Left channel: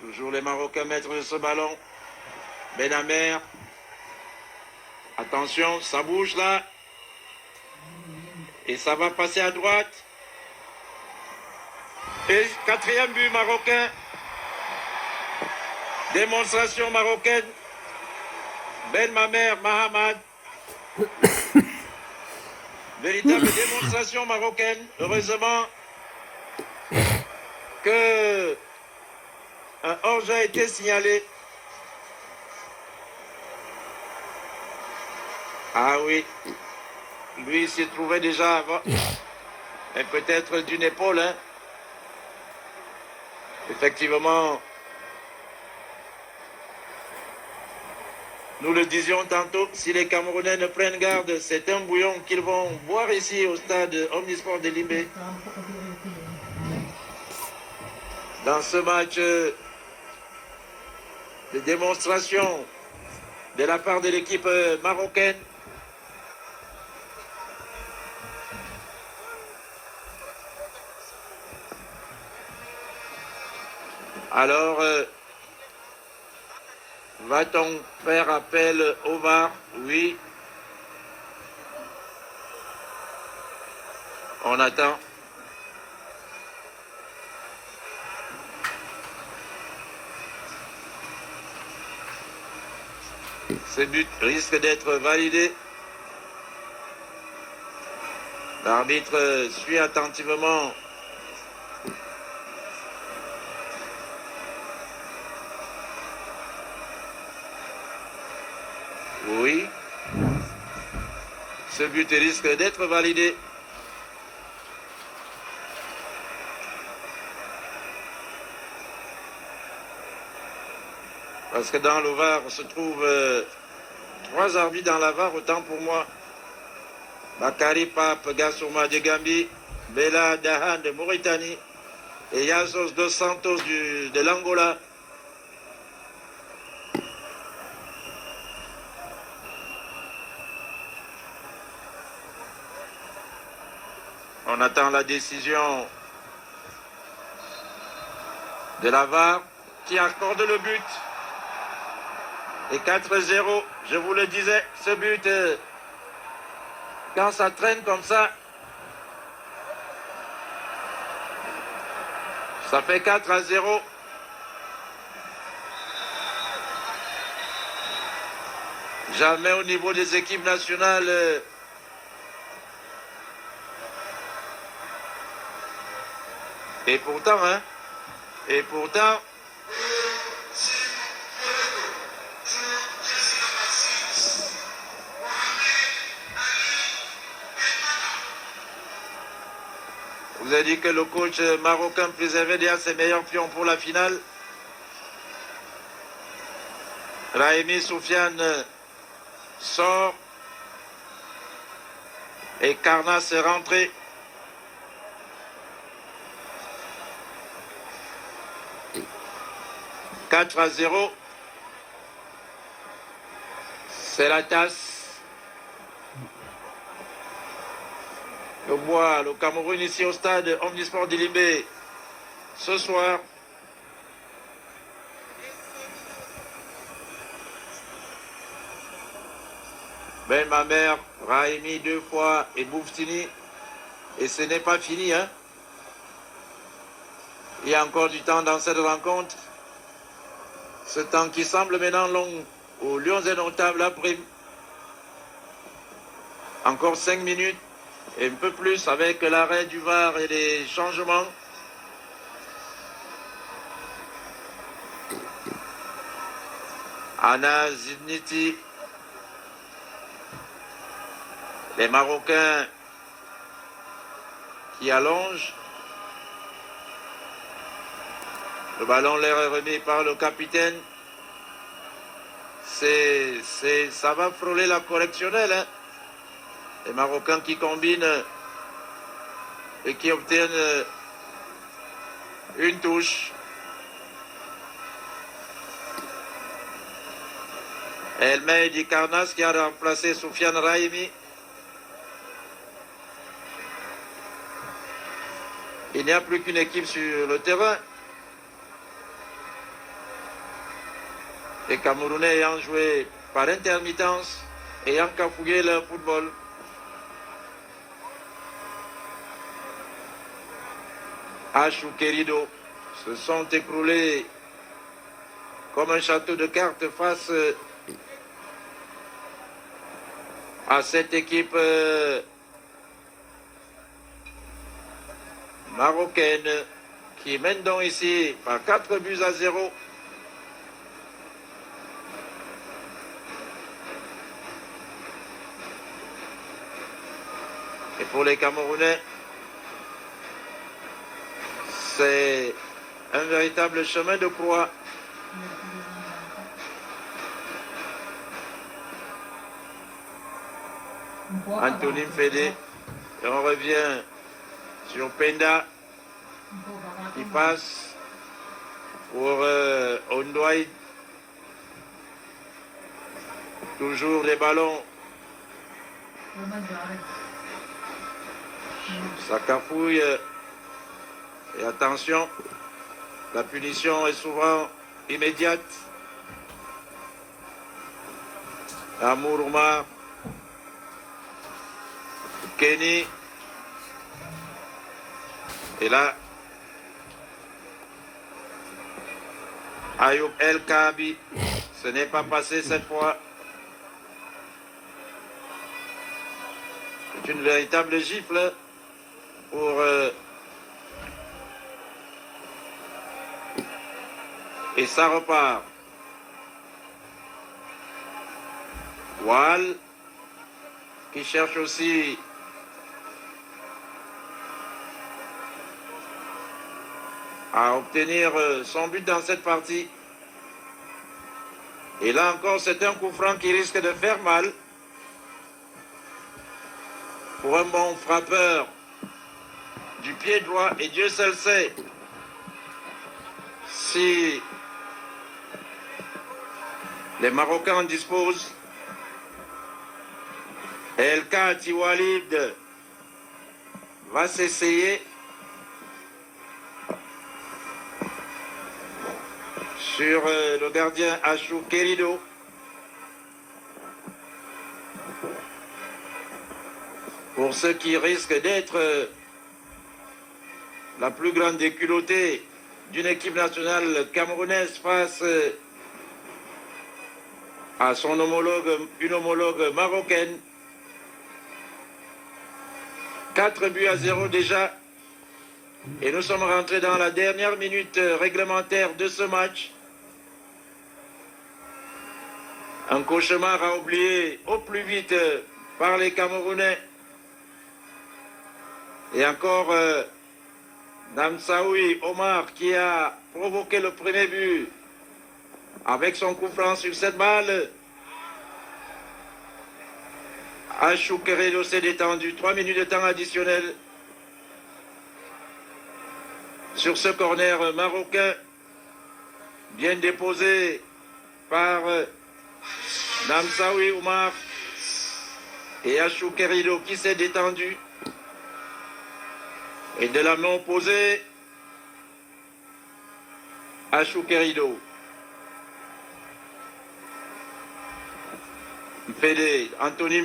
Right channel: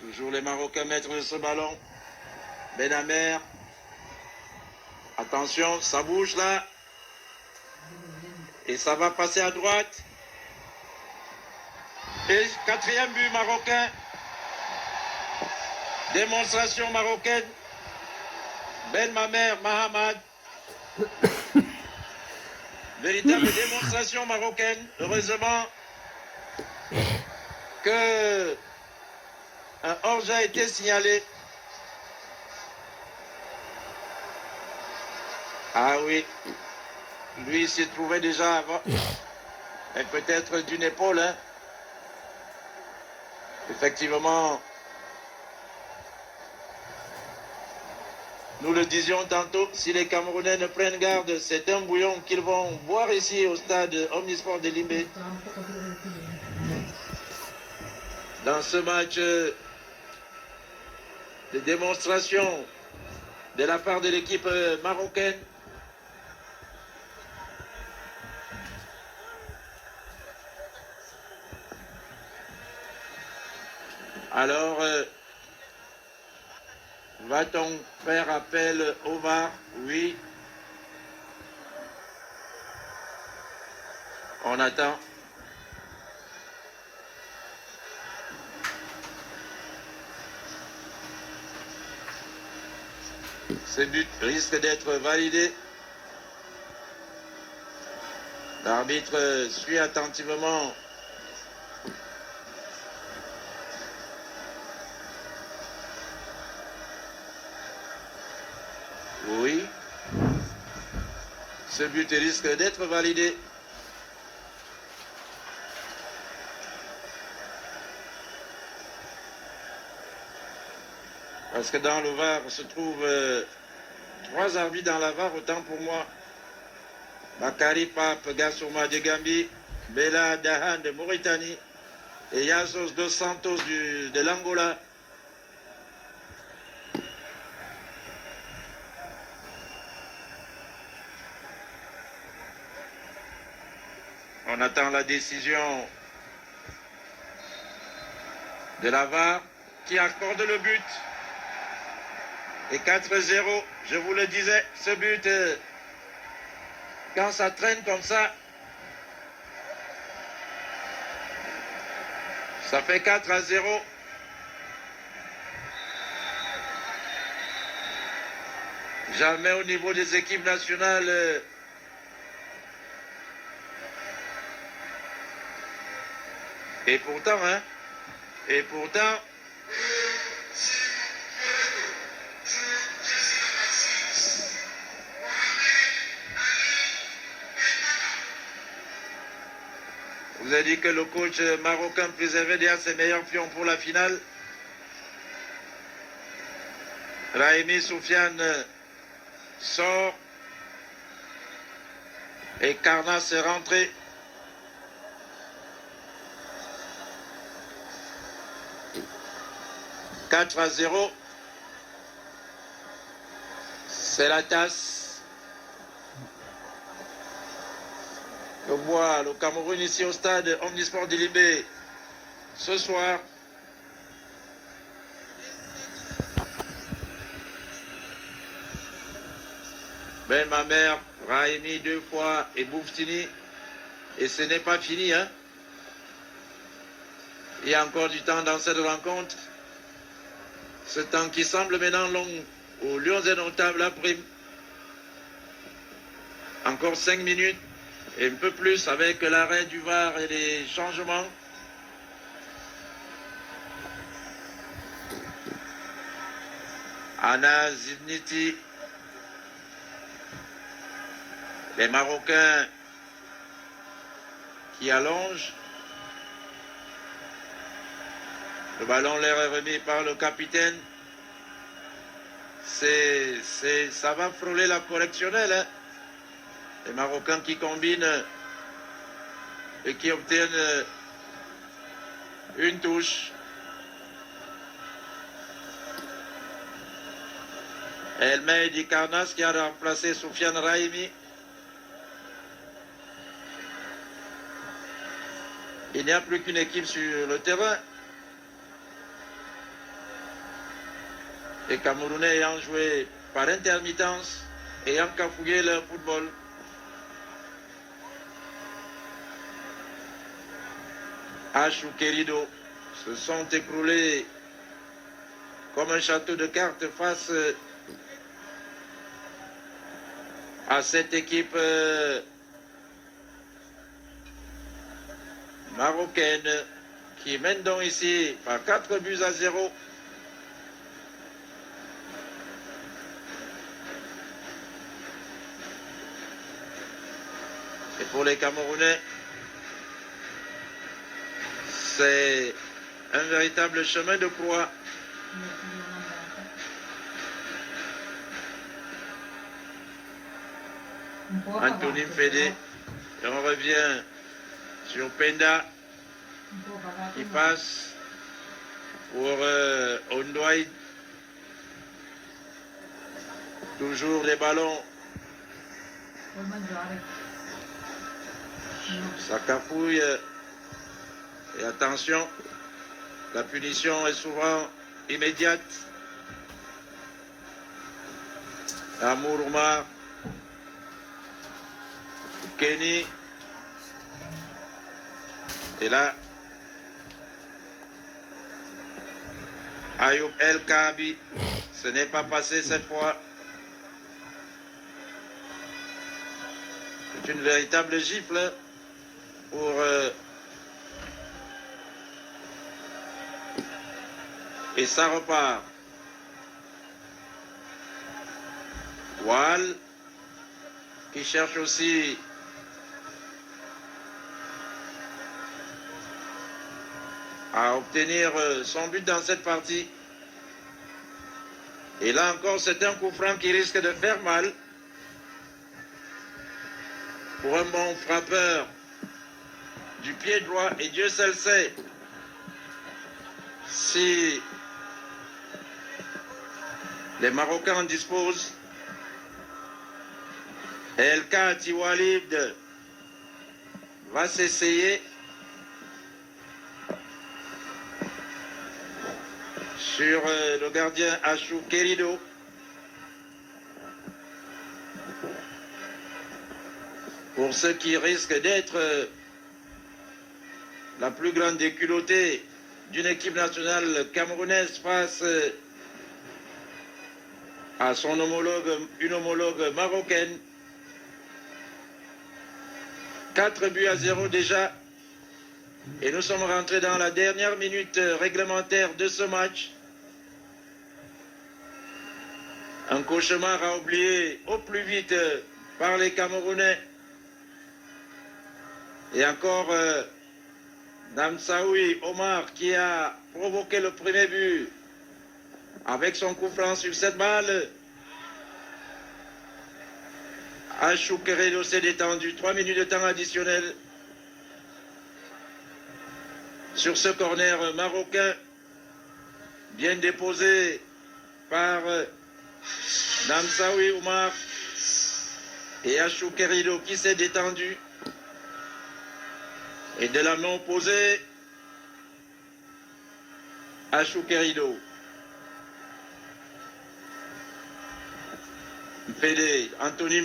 Toujours les Marocains maîtres de ce ballon. Benamer. Attention, ça bouge là. Et ça va passer à droite. Et quatrième but marocain. Démonstration marocaine. Ben Mamer Mahamad. Véritable démonstration marocaine. Heureusement que un hors-jeu a été signalé. Ah oui. Lui s'y trouvait déjà avant. Et peut-être d'une épaule. Hein. Effectivement. Nous le disions tantôt, si les Camerounais ne prennent garde, c'est un bouillon qu'ils vont boire ici au stade Omnisport de Limbé. Dans ce match de démonstration de la part de l'équipe marocaine. Alors, va-t-on faire appel au VAR? Oui. On attend. Ce but risque d'être validé. L'arbitre suit attentivement. Oui. Ce but risque d'être validé. Parce que dans le VAR se trouvent 3 arbitres dans la VAR, autant pour moi. Bakary Pape Gassouma de Gambie, Bella Dahan de Mauritanie et Yazos dos Santos de l'Angola. On attend la décision de la VAR qui accorde le but. Et 4-0, je vous le disais, ce but, quand ça traîne comme ça fait 4-0. Jamais au niveau des équipes nationales. Et pourtant, vous avez dit que le coach marocain préservait déjà ses meilleurs pions pour la finale. Raimi Soufiane sort et Karnas est rentré. « 4-0. C'est la tasse. Le bois, le Cameroun ici au stade Omnisport de Limbé. Ce soir. Ben Mamer, Raimi 2 fois et Bouftini. Et ce n'est pas fini, hein. Il y a encore du temps dans cette rencontre. Ce temps qui semble maintenant long aux Lions indomptables la prime. Encore 5 minutes et un peu plus avec l'arrêt du VAR et les changements. Anna Zidniti. Les Marocains qui allongent. Le ballon leur est remis par le capitaine. Ça va frôler la correctionnelle. Hein. Les Marocains qui combinent et qui obtiennent une touche. Elmeidi Karnas qui a remplacé Soufiane Raimi. Il n'y a plus qu'une équipe sur le terrain. Les Camerounais ayant joué par intermittence, ayant cafouillé leur football. H ou Querido se sont écroulés comme un château de cartes face à cette équipe marocaine qui mène donc ici par 4-0. Et pour les Camerounais, c'est un véritable chemin de croix. Anthony Fédé, et on revient sur Penda qui passe pour Ondouaï. Toujours des ballons. Ça cafouille. Et attention, la punition est souvent immédiate. Amour Oumar, Kenny. Et là, Ayoub El Kabi, ce n'est pas passé cette fois. C'est une véritable gifle pour et ça repart. Wall qui cherche aussi à obtenir son but dans cette partie. Et là encore, c'est un coup franc qui risque de faire mal pour un bon frappeur du pied droit. Et Dieu seul sait si les Marocains en disposent. El Kati Walid va s'essayer sur le gardien Achou Querido. Pour ceux qui risquent d'être la plus grande déculottée d'une équipe nationale camerounaise face à son homologue, une homologue marocaine. 4-0 déjà. Et nous sommes rentrés dans la dernière minute réglementaire de ce match. Un cauchemar à oublier au plus vite par les Camerounais. Et encore Namsaoui Omar qui a provoqué le premier but avec son coup franc sur cette balle. Achou Querido s'est détendu. 3 minutes de temps additionnel sur ce corner marocain bien déposé par Namsaoui Omar et Achou Querido qui s'est détendu. Et de la main opposée, Achou Querido. Fédé, Anthony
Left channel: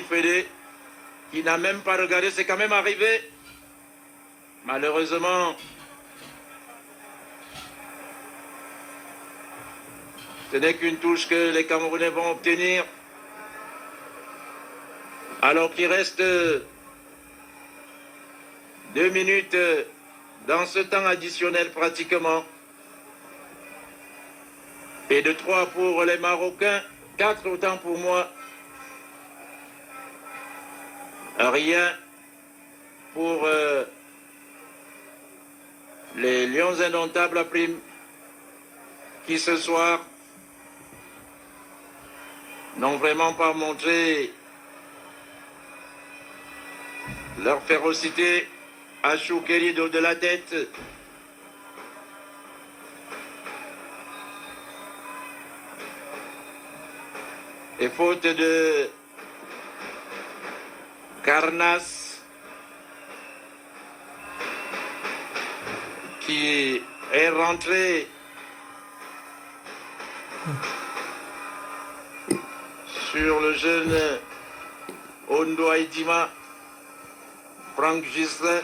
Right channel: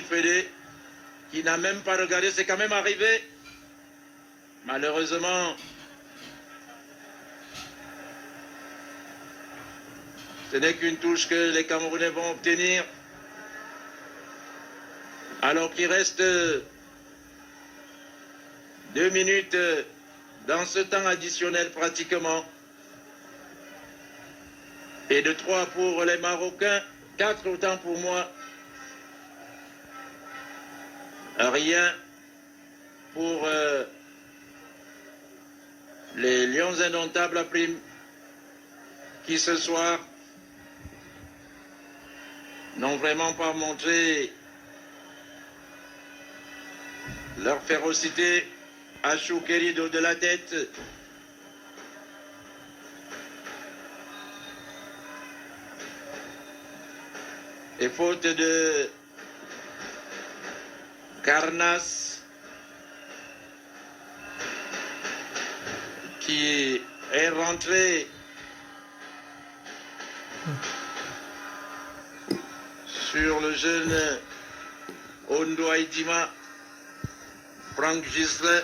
Fédé, qui n'a même pas regardé, c'est quand même arrivé. Malheureusement, ce n'est qu'une touche que les Camerounais vont obtenir. Alors qu'il reste 2 minutes dans ce temps additionnel pratiquement. Et de 3 pour les Marocains, 4 autant pour moi. Rien pour les Lions indomptables à prime qui ce soir n'ont vraiment pas montré leur férocité. Achou Querido de la tête. Et faute de Carnas qui est rentré Sur le jeune Ondo Aïdima, Franck Gislin.